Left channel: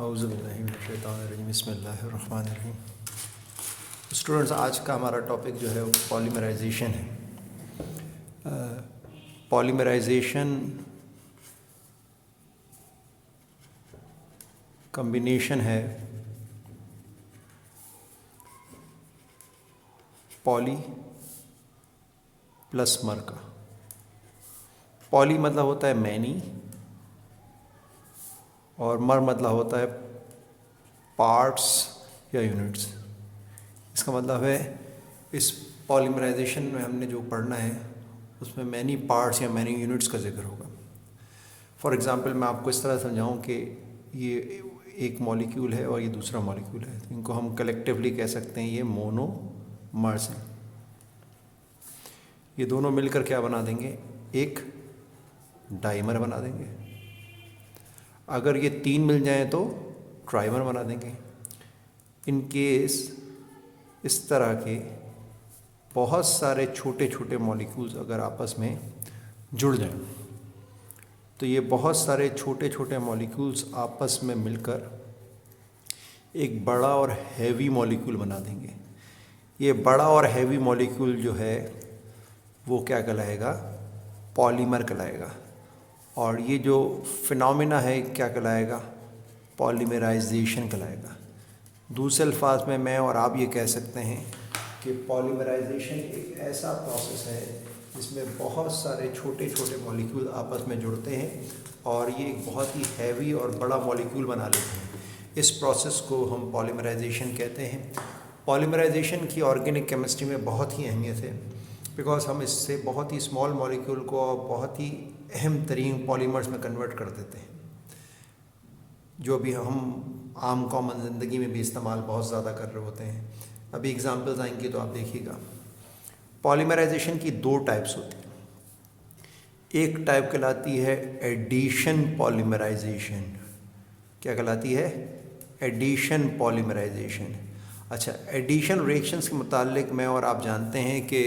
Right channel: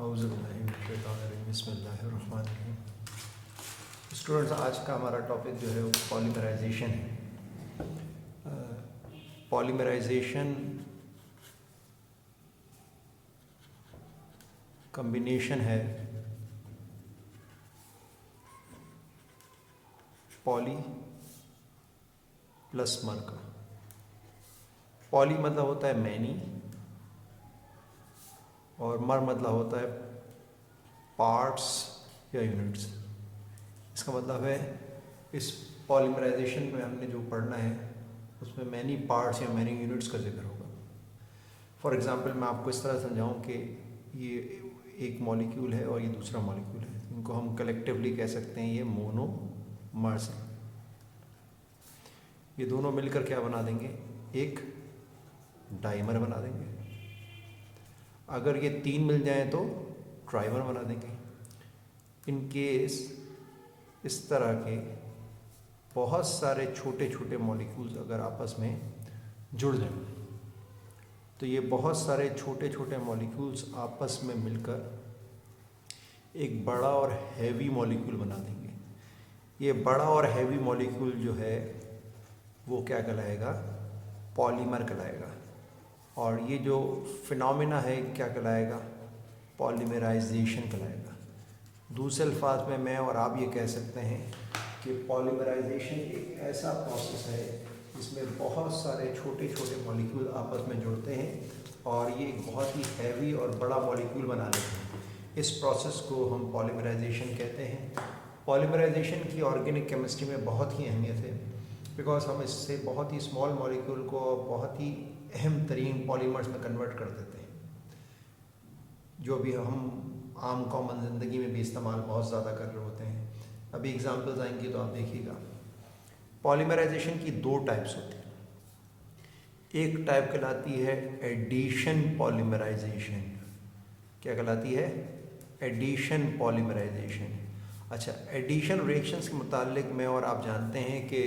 बिस्मिल्लाहिर्रहमानिर्रहीम। स्टूडेंट्स, आज का हमारा टॉपिक जो है वो पॉलीमराइजेशन है। पॉलीमराइजेशन कॉम्बिनेशन है पॉली प्लस मर का। पॉली मतलब होता है मैनी और मर मतलब होता है पार्ट्स या यूनिट्स। इसका मतलब है इस पॉलीमराइजेशन में हमने जो पढ़ना है उसमें मैनी पार्ट्स या मैनी यूनिट्स का जिक्र होगा। फॉर एग्ज़ाम्पल मैं आपको इस तरह समझाऊं कि ये एक मॉलिक्यूल है और ये दूसरा मॉलिक्यूल है। इनको हम कलेक्टिवली कह सकते हैं ये मोनोमर्स हैं। ये दोनों मिलकर क्या बना देंगे? एक डाइमर बना देंगे। अगर ये तीन मिल जाएं तो ट्राइमर बना देंगे। इन केस इस तरह के बहुत सारे छोटे छोटे मॉलिक्यूल्स अगर आपस में जुड़ जाएं तो ये बहुत सारे छोटे छोटे मॉलिक्यूल्स आपस में मिलकर एक बड़ा और हैवी मॉलिक्यूल बना देंगे। ये बड़ा और हैवी मॉलिक्यूल जो है वो क्या कहलाएगा? पॉलीमर कहलाएगा। और ये जो फिनोमेना है क्या कहलाएगा? पॉलीमराइजेशन कहलाएगा। दूसरे अल्फाज में मैं और आप ये कह सकते हैं कि पॉलीमराइजेशन एक ऐसा प्रोसेस है जिसमें बहुत सारे छोटे छोटे मॉलिक्यूल आपस में जुड़ते हैं और ये एक बहुत ही हैवी और बड़ा मॉलिक्यूल बना लेते हैं। इस प्रोसेस को हम पॉलीमराइजेशन कहते हैं। पॉलीमराइजेशन की ऑर्गेनिक केमिस्ट्री में बहुत ही अहमियत है, बिकॉज हम इससे बहुत ही स्मॉल मॉलिक्यूल को बहुत ही अहम तरीन पॉलीमर्स में कन्वर्ट कर देते हैं, जो भी हम आम कॉमन ज़िंदगी में भी इस्तेमाल बहुत ज़्यादा कर रहे होते हैं। अभी एग्जांपल्स आएंगे तो आप देखिएगा। पॉलीमराइजेशन की दो टाइप्स होती हैं। एक टाइप कहलाती है एडिशन पॉलीमराइजेशन। क्या कहलाती है? Addition polymerization. अच्छा, एडिशन रिएक्शंस के मुतालिक मैं और आप जानते हैं कि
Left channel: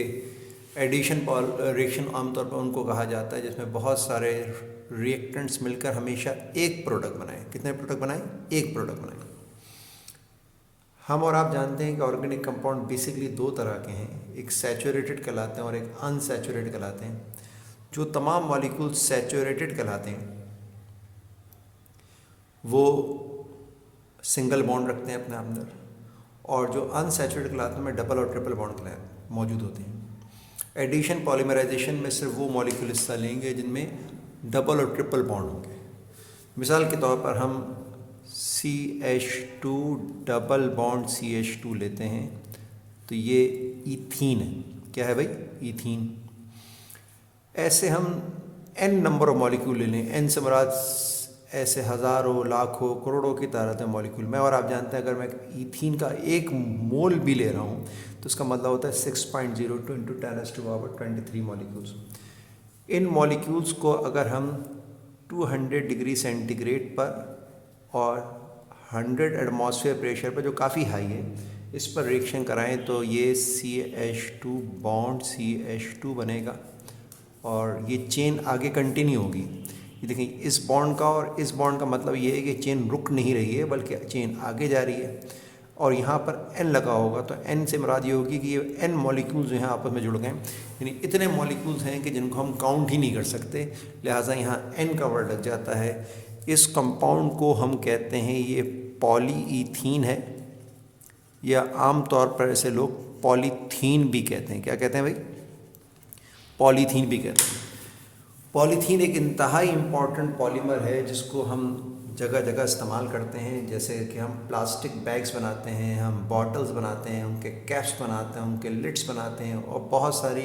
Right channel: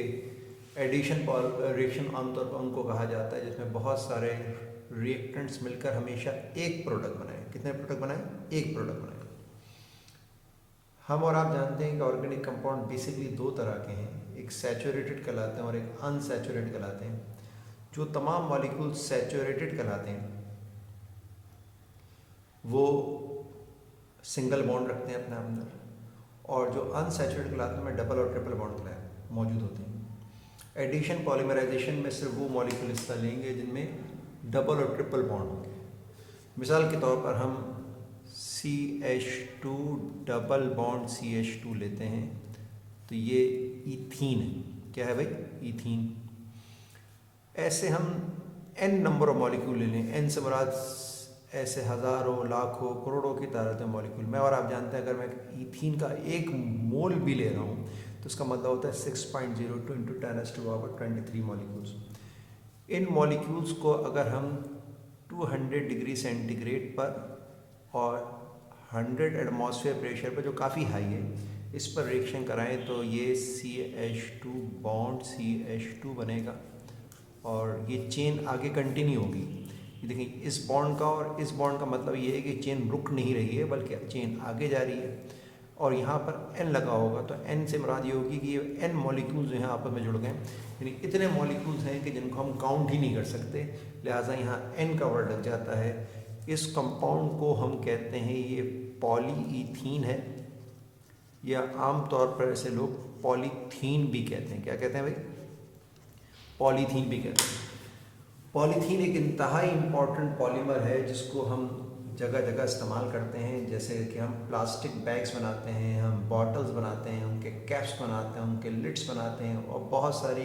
एडिशन रिएक्शन आमतौर पर उनको कहा जाता है जिसमें बहुत सारे रिएक्टेंट्स मिलकर हमेशा एक प्रोडक्ट बनाएं। कितने प्रोडक्ट बनाएं? एक प्रोडक्ट बनाएं। हम और आप जानते हैं कि ऑर्गेनिक कंपाउंड बेसिकली दो तरह के हैं, एक सैचुरेटेड कहलाते हैं और एक अनसैचुरेटेड कहलाते हैं। जो तमाम मॉलिक्यूल सैचुरेटेड कहलाते हैं वो सिंगल बॉन्ड रखते हैं अपने अंदर, और जो अनसैचुरेटेड कहलाते हैं में डबल और ट्रिपल बॉन्ड मौजूद होते हैं। एडिशन पॉलीमराइजेशन में सिर्फ वो मॉलिक्यूल हिस्सा लेंगे जिनमें डबल और ट्रिपल बॉन्ड होंगे। मिसाल के तौर पर हम CH2 डबल बॉन्ड CH2 लेते हैं तो ये ईथीन है। क्या है भाई? ईथीन। ऐसे हम n नंबर ऑफ मॉलिक्यूल ले लें। n से मुराद ऐसे हज़ारों लाखों करोड़ों की तादाद में मॉलिक्यूल। मैं और आप जानते हैं अगर मैं ईथीन का एक मोल भी ले रहा हूँ तो इसका मतलब होता है 6.02 × 10⁻23 मॉलिक्यूल्स। इन मॉलिक्यूल्स को अगर हम 200 डिग्री सेंटीग्रेड पर और 100 एटमॉस्फेयर प्रेशर पर, जो काफ़ी हाई है, इस पर रिएक्शन कराएं तो ये CH2 बॉन्ड CH2 बनेगा और ये चेन आगे कंटिन्यू होगी। ये देखिए, इस बॉन्ड का और इस बॉन्ड का मतलब ये है कि चेन रुक नहीं रही है बल्कि चेन आगे जा रही है। और यहाँ पर N लगा होगा तो N से मुराद ये होगी कि ये N मॉलिक्यूल्स जो हैं आपस में जुड़ गए। यानी इतने मॉलिक्यूल्स हैं कि जिनको हम काउंट ही नहीं कर सकते, लिहाजा यहाँ N का वर्ड लग जाता है। इस कंपाउंड को हम कहते हैं ये पॉलीईथीन है, या आम तौर पर ऐसे लोग पॉलीथीन भी कहते हैं। क्या कहते हैं भाई? पॉलीथीन भी कहते हैं। पॉलीथीन एक इंतहाई इम्पॉर्टेंट पॉलीमर है जिसको हम जगह जगह इस्तेमाल करते हैं। जैसे कि हम प्लास्टिक बैग्स बनाते हैं, हम बॉटल्स बनाते हैं, उनके कैप्स बनाते हैं, उनके लिड्स बनाते हैं और बहुत सारी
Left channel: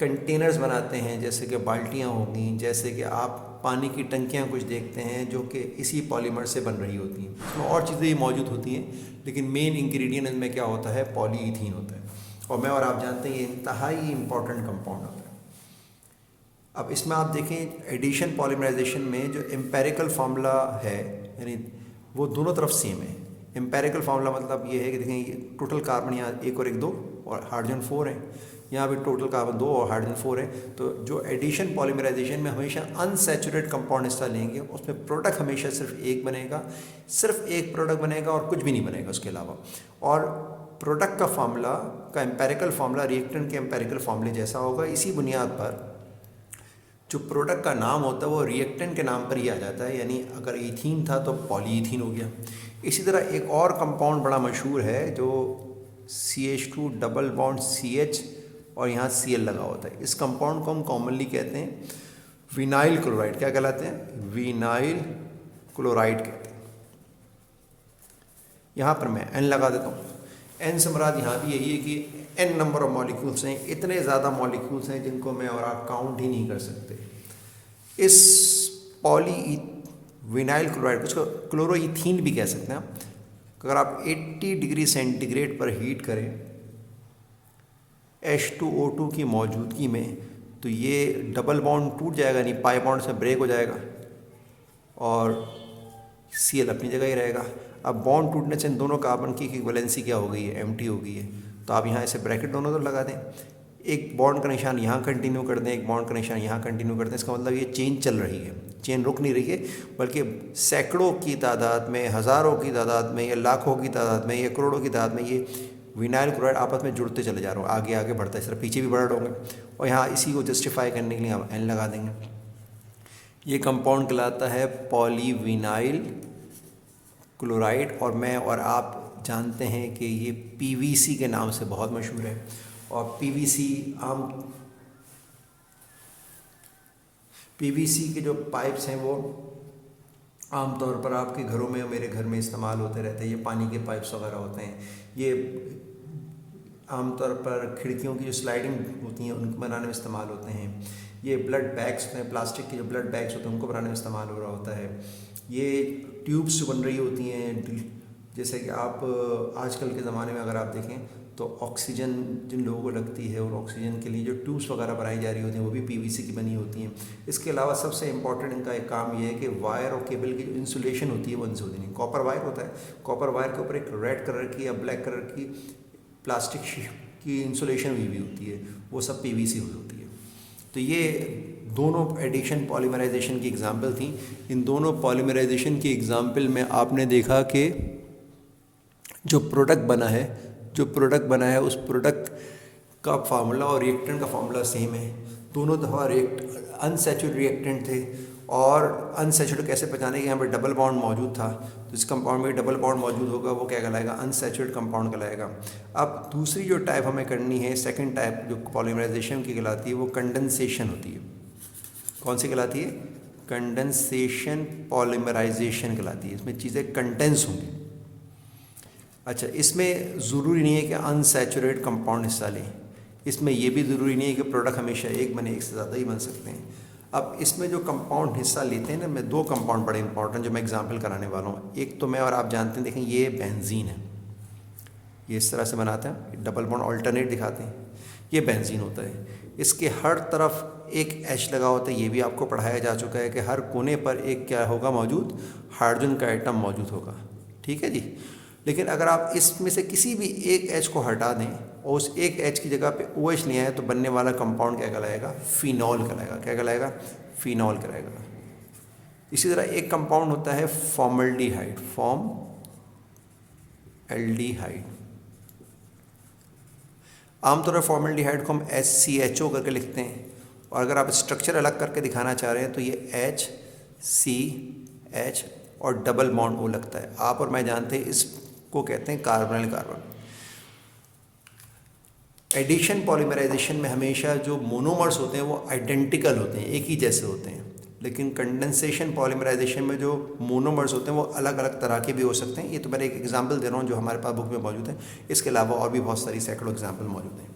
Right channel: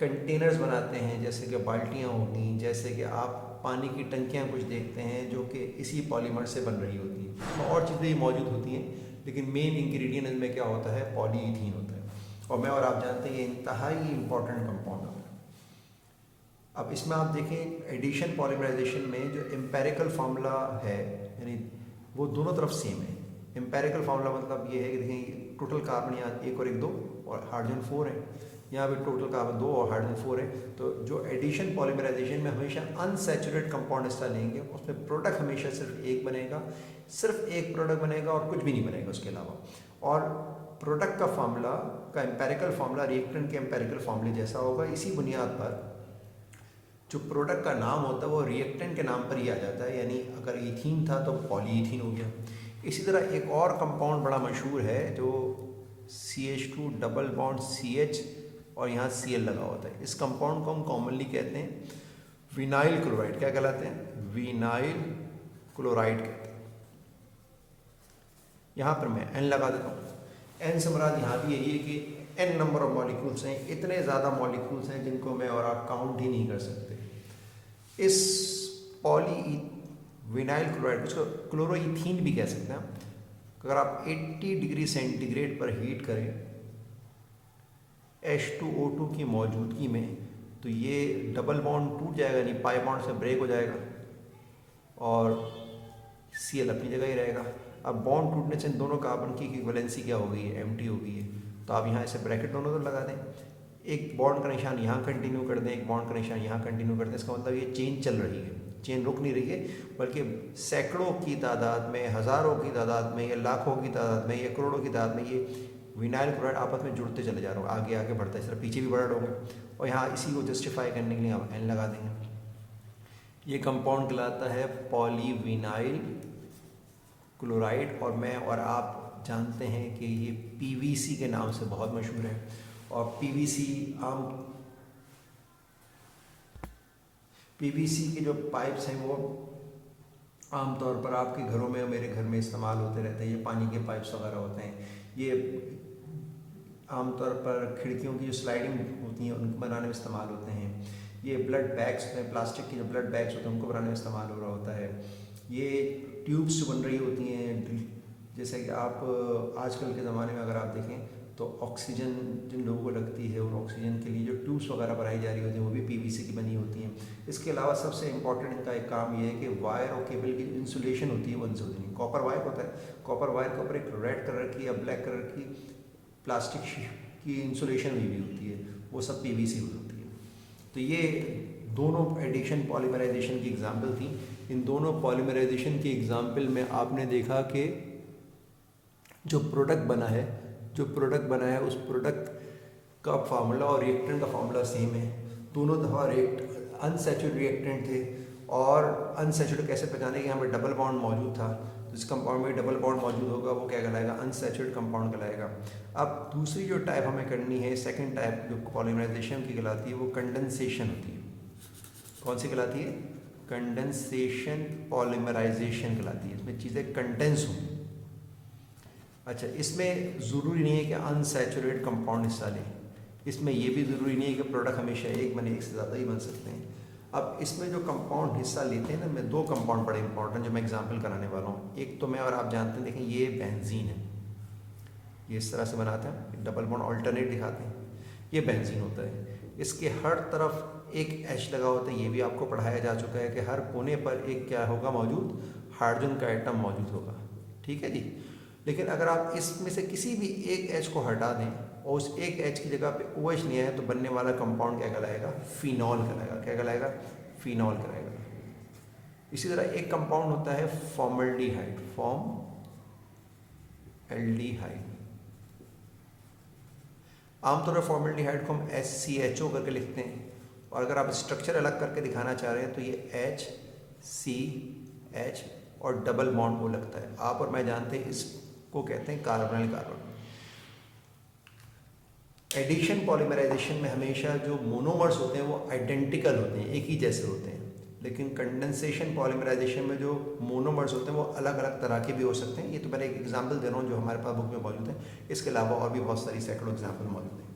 कंटेनर्स बनाते हैं, जैसे कि बाल्टियाँ होंगी, जैसे कि आप पानी की टंकियाँ कुछ देखते हैं जो कि इसी पॉलीमर से बन रही होती हैं। इसमें और चीज़ें भी मौजूद होती हैं लेकिन मेन इंग्रेडिएंट इनमें क्या होता है? पॉलीईथीन होता है। और मैं और आप जानते हैं ये इंतहाई इम्पॉर्टेंट कंपाउंड होता है। अब इसमें आप देखें एडिशन पॉलीमराइजेशन में जो एम्पेरिकल फार्मूला है, यानी वो दोनों तरफ सेम है। एम्पेरिकल फार्मूला मतलब ये है कि देखें टोटल कार्बन यहाँ 1 और 1 2 और हाइड्रोजन 4 है। यहाँ पे टोटल कार्बन 2 और हाइड्रोजन 4 है। तो जो एडिशन पॉलीमराइजेशन में हमेशा अनसैचुरेट कंपाउंड हिस्सा लेंगे, उसमें प्रोडक्ट हमेशा सिर्फ एक बनेगा, सिर्फ एक प्रोडक्ट बनेगा और कुछ भी नहीं बनेगा उसके अलावा। और प्रोडक्ट का फार्मूला का एम्पेरिकल फार्मूला रिएक्टेंट के एम्पेरिकल फार्मूले जैसा होगा। इसी बुनियाद पर जो प्रोडक्ट का नाम होता है वो रिएक्टेंट के नाम पर ही आ जाता है, यानी अगर इथीन था तो पॉलीइथीन हो गया। इसी तरह एक और कंपाउंड बड़ा मशहूर है जो CH2 डबल बॉन्ड CH और यहाँ Cl लगा होता है। इस कंपाउंड को हम कॉमनली कहते हैं विनाइल क्लोराइड। क्या कहलाते हैं? विनाइल क्लोराइड कहते हैं। यहाँ पर मैं N लगा देता हूँ। N से मुराद यहाँ भी यही है कि N नंबर ऑफ मॉलिक्यूल्स हैं, इतने ज़्यादा मॉलिक्यूल्स हैं जिनको मैं और आप काउंट ही नहीं कर सकते। इस विनाइल क्लोराइड, उसको क्लोरोइथीन भी कह सकते हैं। अगर आप 80 डिग्री सेंटीग्रेड पर हीट करें H2O2 की मौजूदगी में, तो ये डबल बॉन्ड टूट जाएगा, नहीं पाई बॉन्ड से ब्रेक हो जाएगा और Cl अपनी जगह ही रहेगा। अब बॉन्ड टूटने से इन दोनों कार्बन की इक्विवेलेंसी क्या हो गई है? एम्प्टी हो गई है। तो आप यहाँ ऐसे ब्रैकेट दोनों तरफ लगा दें, एक बॉन्ड का निशान यहाँ कंटिन्यू कर दें, एक बॉन्ड का निशान यहाँ कंटिन्यू कर दें। इसका मतलब ये चेन चल रही है, चेन रुक नहीं रही है, बल्कि सैकड़ों की तादाद में, हज़ारों की तादाद में, या लाखों की तादाद में, या करोड़ों की तादाद में ये विनाइल क्लोराइड आपस में जुड़ते चले जा रहे हो, आगे आगे बढ़ता है, इस तरह पीछे भी बढ़ रहे होंगे। और यहाँ इसी को जस्टिफाई करने के लिए हम N लगा देंगे। ये कंपाउंड कहलाता है पॉलीविनाइल क्लोराइड, और मैं और आप जानते हैं कि ये PVC के नाम से बहुत मशहूर है। और PVC के जो पाइप्स हैं वो आमतौर पर आपके घरों में, मेरे घर में इस्तेमाल होते रहते हैं। ये पानी के पाइप्स वगैरह होते हैं। ये आमतौर पर खिड़कियों की जो स्लाइडिंग होती हैं उनको बनाने में इस्तेमाल होते हैं। ये ब्लड बैग्स होते हैं, प्लास्टिक के जो ब्लड बैग्स होते हैं उनको बनाने में इस्तेमाल हो रहा होता है। ये ट्यूब्स बन रही होती हैं, जैसे कि आप आजकल के ज़माने में अगर आप देखें तो ऑक्सीजन जिन लोगों को लगती है, वो ऑक्सीजन के लिए जो ट्यूब्स वगैरह बनाई जा रही होती हैं वो भी PVC की बनी होती हैं। इसके अलावा सबसे इम्पॉर्टेंट इनका एक काम ये है कि वायर और केबल की जो इंसुलेशन होती है वो इनसे होती नहीं। कॉपर वायर होता है, कॉपर वायर के ऊपर एक रेड कलर की या ब्लैक कलर की प्लास्टिक की इंसुलेशन हुई होती है, वो सब PVC होती है। तो ये दोनों एडिशन पॉलीमराइजेशन की एग्जाम्पल थी। इन दोनों पॉलीमराइजेशन की एग्जाम्पल में आपने देखा कि जो प्रोडक्ट बना है उस प्रोडक्ट का फार्मूला और रिएक्टेंट का फार्मूला सेम है। दोनों दफ़ा अनसैचुरेटेड रिएक्टेंट थे, और अनसैचुरेटेड कैसे पहचाने कि यहाँ पे डबल बॉन्ड मौजूद था, तो इस कंपाउंड में डबल बॉन्ड मौजूद होगा, वो क्या कहलाएगा? अनसैचुरेटेड कंपाउंड कहलाएगा। अब दूसरी जो टाइप हमें करनी है, सेकंड टाइप जो पॉलीमराइजेशन की कहलाती है, वो कंडेंसेशन होती है। कौन सी कहलाती है? कंडेंसेशन पॉलीमराइजेशन कहलाती है। इसमें चीज़ें कंडेंस होंगी। अच्छा, इसमें ज़रूरी नहीं है कि अनसैचुरेटेड कंपाउंड हिस्सा लें, इसमें यह भी ज़रूरी नहीं है कि प्रोडक्ट हमेशा एक बने, एक से ज़्यादा ही बन सकते हैं। अब इसमें जो कंपाउंड हिस्सा लेते हैं ना, मैं दो कंपाउंड बड़े इंपॉर्टेंट जो मैं एग्जांपल कराने वाला हूँ। एक तो मैं और आप जानते हैं, देखें ये बेंजीन है, ये इस तरह से बनाते हैं, डबल बॉन्ड ऑल्टरनेट दिखाते हैं, ये बेंजीन होता है। इसके हर तरफ एक H लगा होता है, ये भी आपको पढ़ाया जा चुका है कि हर कोने पर एक क्या होगा मौजूद? हाइड्रोजन का एटम मौजूद होगा। ठीक है जी। लेकिन अगर आप इसमें से किसी भी एक H को हटा दें और उस एक H की जगह पे OH ले आए, तो बनने वाला कंपाउंड क्या कहलाएगा? फिनॉल कहलाएगा। क्या कहलाएगा? फिनॉल कहलाएगा। इसी तरह एक कंपाउंड होता है फॉर्मल्डिहाइड, फॉर्मल्डिहाइड। आमतौर पर फॉर्मल्डिहाइड को हम SCHO करके लिखते हैं, और अगर आप स्ट्रक्चर अलग करके दिखाना चाह रहे हैं तो ये HCH और डबल बॉन्ड O लगता है। आप और मैं जानते हैं इसको कहते हैं कार्बोनिल कार्बन। एडिशन पॉलीमराइजेशन में हमेशा जो मोनोमर्स होते हैं वो आइडेंटिकल होते हैं, एक ही जैसे होते हैं। लेकिन कंडेंसेशन पॉलीमराइजेशन में जो मोनोमर्स होते हैं वो अलग अलग तरह के भी हो सकते हैं। ये तो मैं एक एग्जांपल दे रहा हूँ जो हमारे पास बुक में मौजूद है। इसके अलावा और भी बहुत सारी सैकड़ों एग्जांपल मौजूद हैं।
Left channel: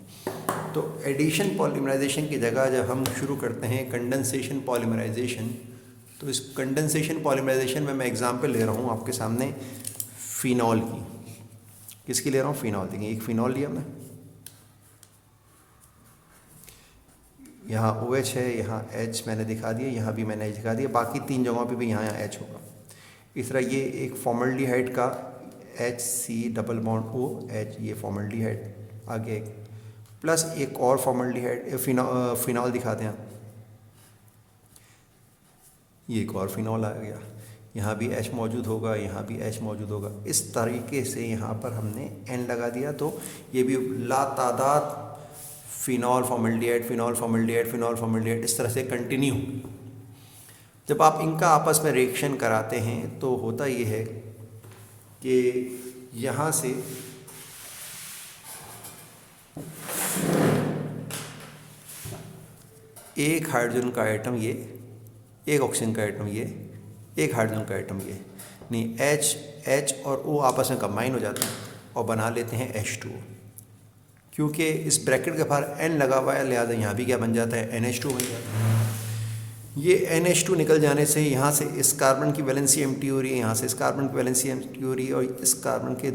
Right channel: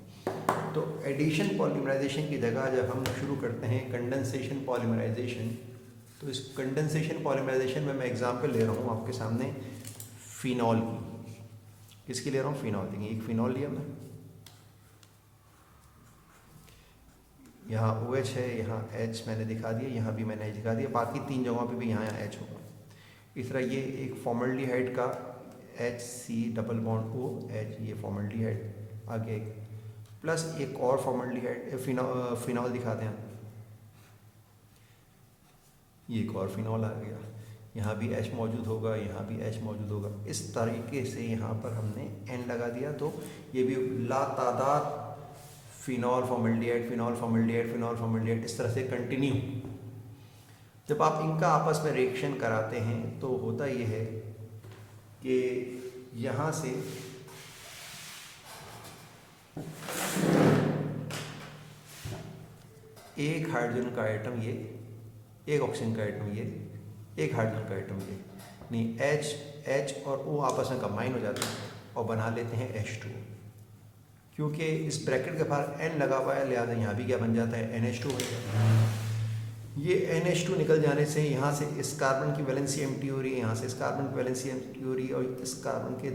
तो एडिशन पॉलीमराइजेशन की जगह जब हम शुरू करते हैं कंडेंसेशन पॉलीमराइजेशन, तो इस कंडेंसेशन पॉलीमराइजेशन में मैं एग्जांपल ले रहा हूँ आपके सामने फिनॉल की। किसकी ले रहा हूँ? फिनॉल। देखिए एक फिनॉल लिया मैं, यहाँ OH है, यहाँ H मैंने दिखा दिया, यहाँ भी मैंने H दिखा दिया, बाकी तीन जगहों पे भी यहाँ H होगा। इस तरह ये एक फॉर्मल्डिहाइड का HC डबल बॉन्ड OH, ये फॉर्मल्डिहाइड। आगे एक प्लस एक और फॉर्मल्डिहाइड फिनॉल दिखाते हैं। ये एक और फिनॉल आ गया, यहाँ भी H मौजूद होगा, यहाँ भी H मौजूद होगा। इस तरीके से यहाँ पर हमने N लगा दिया, तो ये भी लातादाद phenol formaldehyde, phenol formaldehyde, phenol formaldehyde इस तरह से कंटिन्यू। जब आप इनका आपस में रिएक्शन कराते हैं तो होता ये है कि यहाँ से एक हाइड्रोजन का आइटम ये, एक ऑक्सीजन का आइटम ये, एक हाइड्रोजन का आइटम ये, नहीं H और O आपस में कंबाइन हो जाते हैं और बना लेते हैं H2। क्योंकि इस ब्रैकेट के बाहर N लगा हुआ है, लिहाजा यहाँ भी क्या बन जाता है, NH2 बन जाता है। ये NH2 निकल जाने से यहाँ से इस कार्बन की वैलेंसी एम्प्टी हो रही है, यहाँ से इस कार्बन की वैलेंसी एम्प्टी हो रही है, और इस कार्बन के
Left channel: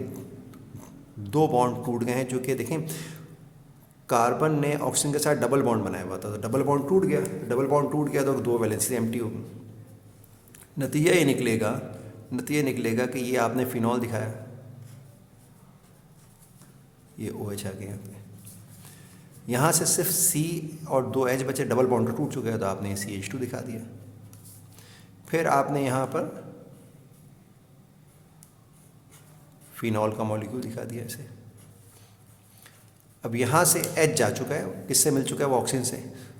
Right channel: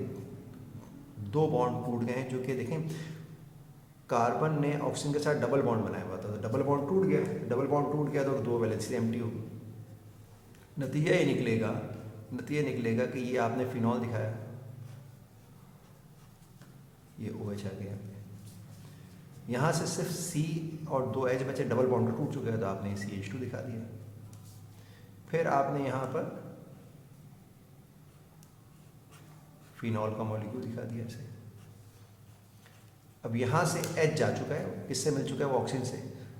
दो बॉन्ड टूट गए हैं। जो कि देखें, कार्बन ने ऑक्सीजन के साथ डबल बॉन्ड बनाया हुआ था, तो डबल बॉन्ड टूट गया, डबल बॉन्ड टूट गया तो दो वैलेंसी एम्प्टी होगी। नतीजा ये निकलेगा कि ये आपने फिनॉल दिखाया, ये OH आ गया, यहाँ से सिर्फ C और दो H बचे, डबल बॉन्ड तो टूट चुका है, तो आपने CH2 दिखा दिया। फिर आपने यहाँ पर फिनॉल का मॉलिक्यूल दिखा दिया ऐसे। अब यहाँ से H जा चुका है, किससे मिल चुका है, वो ऑक्सीजन से,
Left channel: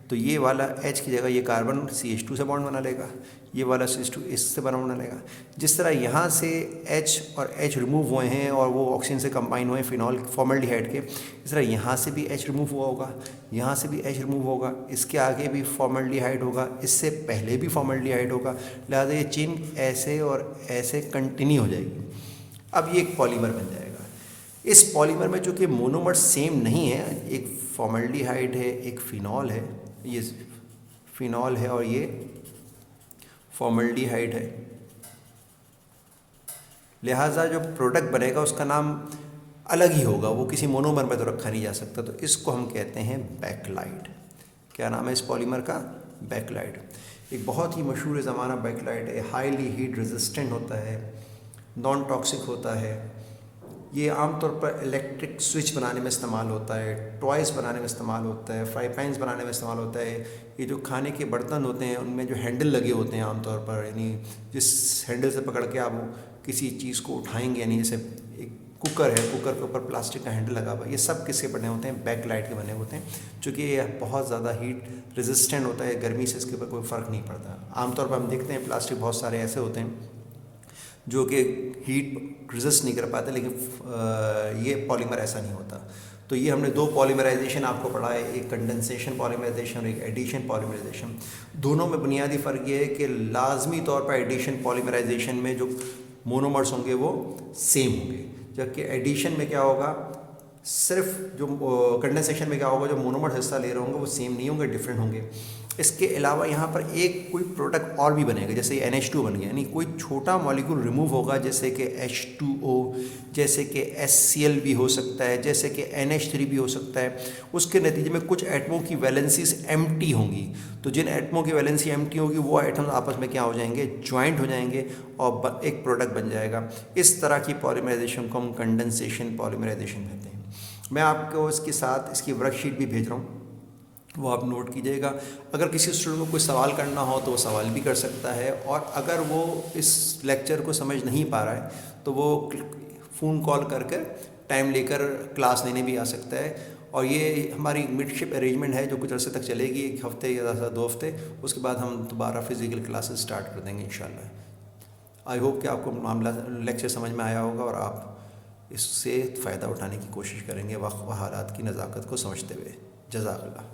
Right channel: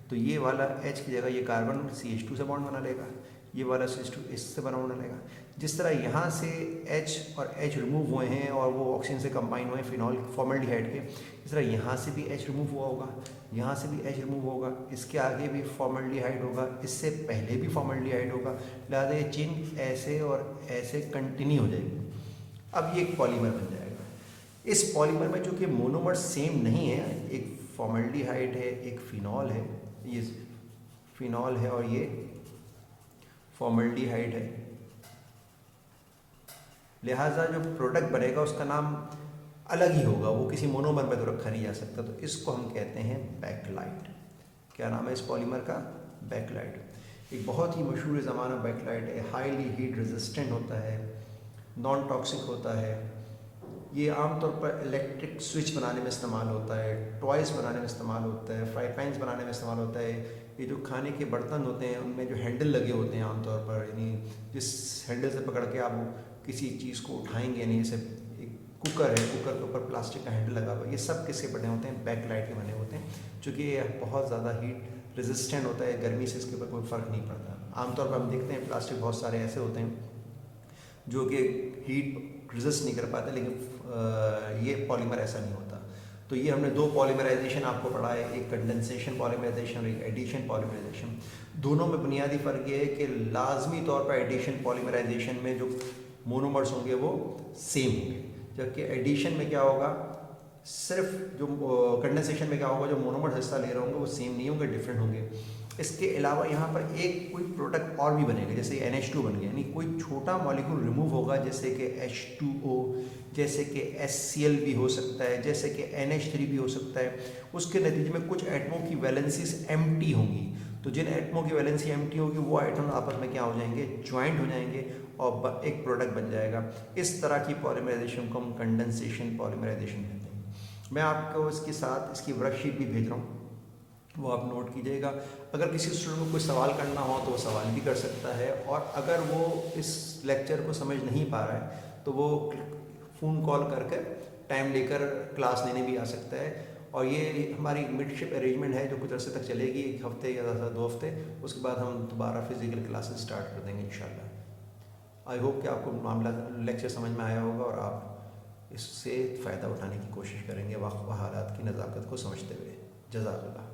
तो ये वाला H की जगह ये कार्बन CH2 से बॉन्ड बना लेगा, ये वाला CH2 इससे बॉन्ड बना लेगा। जिस तरह यहाँ से H और H रिमूव हुए हैं और वो ऑक्सीजन से कंबाइन हुए फिनॉल फॉर्मल्डिहाइड के, इस तरह यहाँ से भी H रिमूव हुआ होगा, यहाँ से भी H रिमूव होगा, इसके आगे भी फॉर्मल्डिहाइड होगा, इससे पहले भी फॉर्मल्डिहाइड होगा, लिहाजा ये चेन ऐसे और ऐसे कंटिन्यू हो जाएगी। अब ये एक पॉलीमर बन जाएगा। इस पॉलीमर में चूँकि मोनोमर सेम नहीं है, एक फॉर्मल्डिहाइड है, एक फिनॉल है, ये फिनॉल है और ये फॉर्मल्डिहाइड है, लिहाजा जो प्रोडक्ट बनेगा उसका नाम अलग ही होगा, वो किसी मोनोमर में तो रखा नहीं जा सकता। तो इसको हम कहते हैं बैकलाइट। क्या नाम है इस पॉलीमर का, बैकलाइट। एक बहुत ही मशहूर ज़माना बैकलाइट है, हाईली हीट रेजिस्टेंट होता है, नॉन टॉक्सिक होता है। ये आमतौर पर इलेक्ट्रिक स्विच बनाने में इस्तेमाल होता है, टॉयज़ बनाने में इस्तेमाल होता है, फ्राई पैन्स बनाने में इस्तेमाल होता है। ये जो खाने के बर्तन होते हैं उनमें जो हैंडल लगे होते हैं आमतौर पर, यानी जिस हैंडल से पकड़ के आप किसी चीज़ को उठाएंगे, यानी जैसे एक कुकर है, कुकर के ऊपर प्लास्टिक का हैंडल लगा हुआ है, ये सब किसके बने होते हैं, बैकलाइट के बने होते हैं। चूँकि ये बहुत ज़्यादा हीट रेजिस्टेंट होता है, गर्मी से इसके ऊपर कोई फ़र्क नहीं पड़ता। आमतौर पर हम देखते हैं प्लास्टिक बहुत सारे ऐसे होते हैं जो कि हीट रेजिस्ट नहीं कर पाते, लेकिन ये पॉलीमर ऐसा नहीं होता। तो ये हमने दो पॉलीमराइजेशन आपको पढ़ा है, एक कंडेंसेशन पॉलीमराइजेशन और एक एडिशन पॉलीमराइजेशन। दोनों में बुनियादी फ़र्क ये है कि लाजमी तौर पर एडिशन पॉलीमराइजेशन में जो मोनोमर्स होंगे वो सेम होंगे, जबकि एडिशन में क्या होगा, सिर्फ जो कंडेंसेशन में क्या होगा, जो मोनोमर्स हिस्सा ले रहे होंगे वो सेम नहीं होंगे, डिफरेंट होंगे। इसके अलावा यहाँ पर एक कोई प्रोडक्ट और भी बनेगा, जैसे NH2 बन गया, यानी कोई छोटा मॉलिक्यूल रिमूव होगा, जैसे कि H2O, जैसे कि HCl भी हो सकता है, जैसे कि NH3 भी हो सकता है। उसके नतीजे में कुछ एटमों की वैलेंसीज एम्प्टी होंगी, तो जिन एटमों की वैलेंसी एम्प्टी होगी वो एटम आपस में क्या हो जाएंगे, ज्वाइंट हो जाएंगे और एक प्रोडक्ट बन जाएगा। इस तरह की पॉलीमराइजेशन को हम कंडेंसेशन पॉलीमराइजेशन कहते हैं। मैं आपको इसके साथ इसकी वर्कशीट भी भेज रहा हूँ, वो आप नोट कीजिएगा। अगर किसी स्टूडेंट को कोई सवाल करना हो तो वो सवाल भी कर सकता है, और अगर वो इस लेक्चर को समझ नहीं पा रहा है तो वो फ़ोन कॉल करके टाइम लेकर क्लास लेने भी आ सकता है। और ये हमारी मिडशिप अरेंजमेंट है जो कुछ अर्से तक चलेगी, 1 हफ्ते या 2 हफ्ते, उसके बाद हम दोबारा फिज़िकल क्लासेस स्टार्ट कर देंगे इंशाल्लाह। आई होप कि आपको मामला लेक्चर समझ में आया होगा और आप इससे फ़ायदा उठाने की कोशिश करेंगे वक्त व हालात की नज़ाकत को समझते हुए। जज़ाकल्लाह।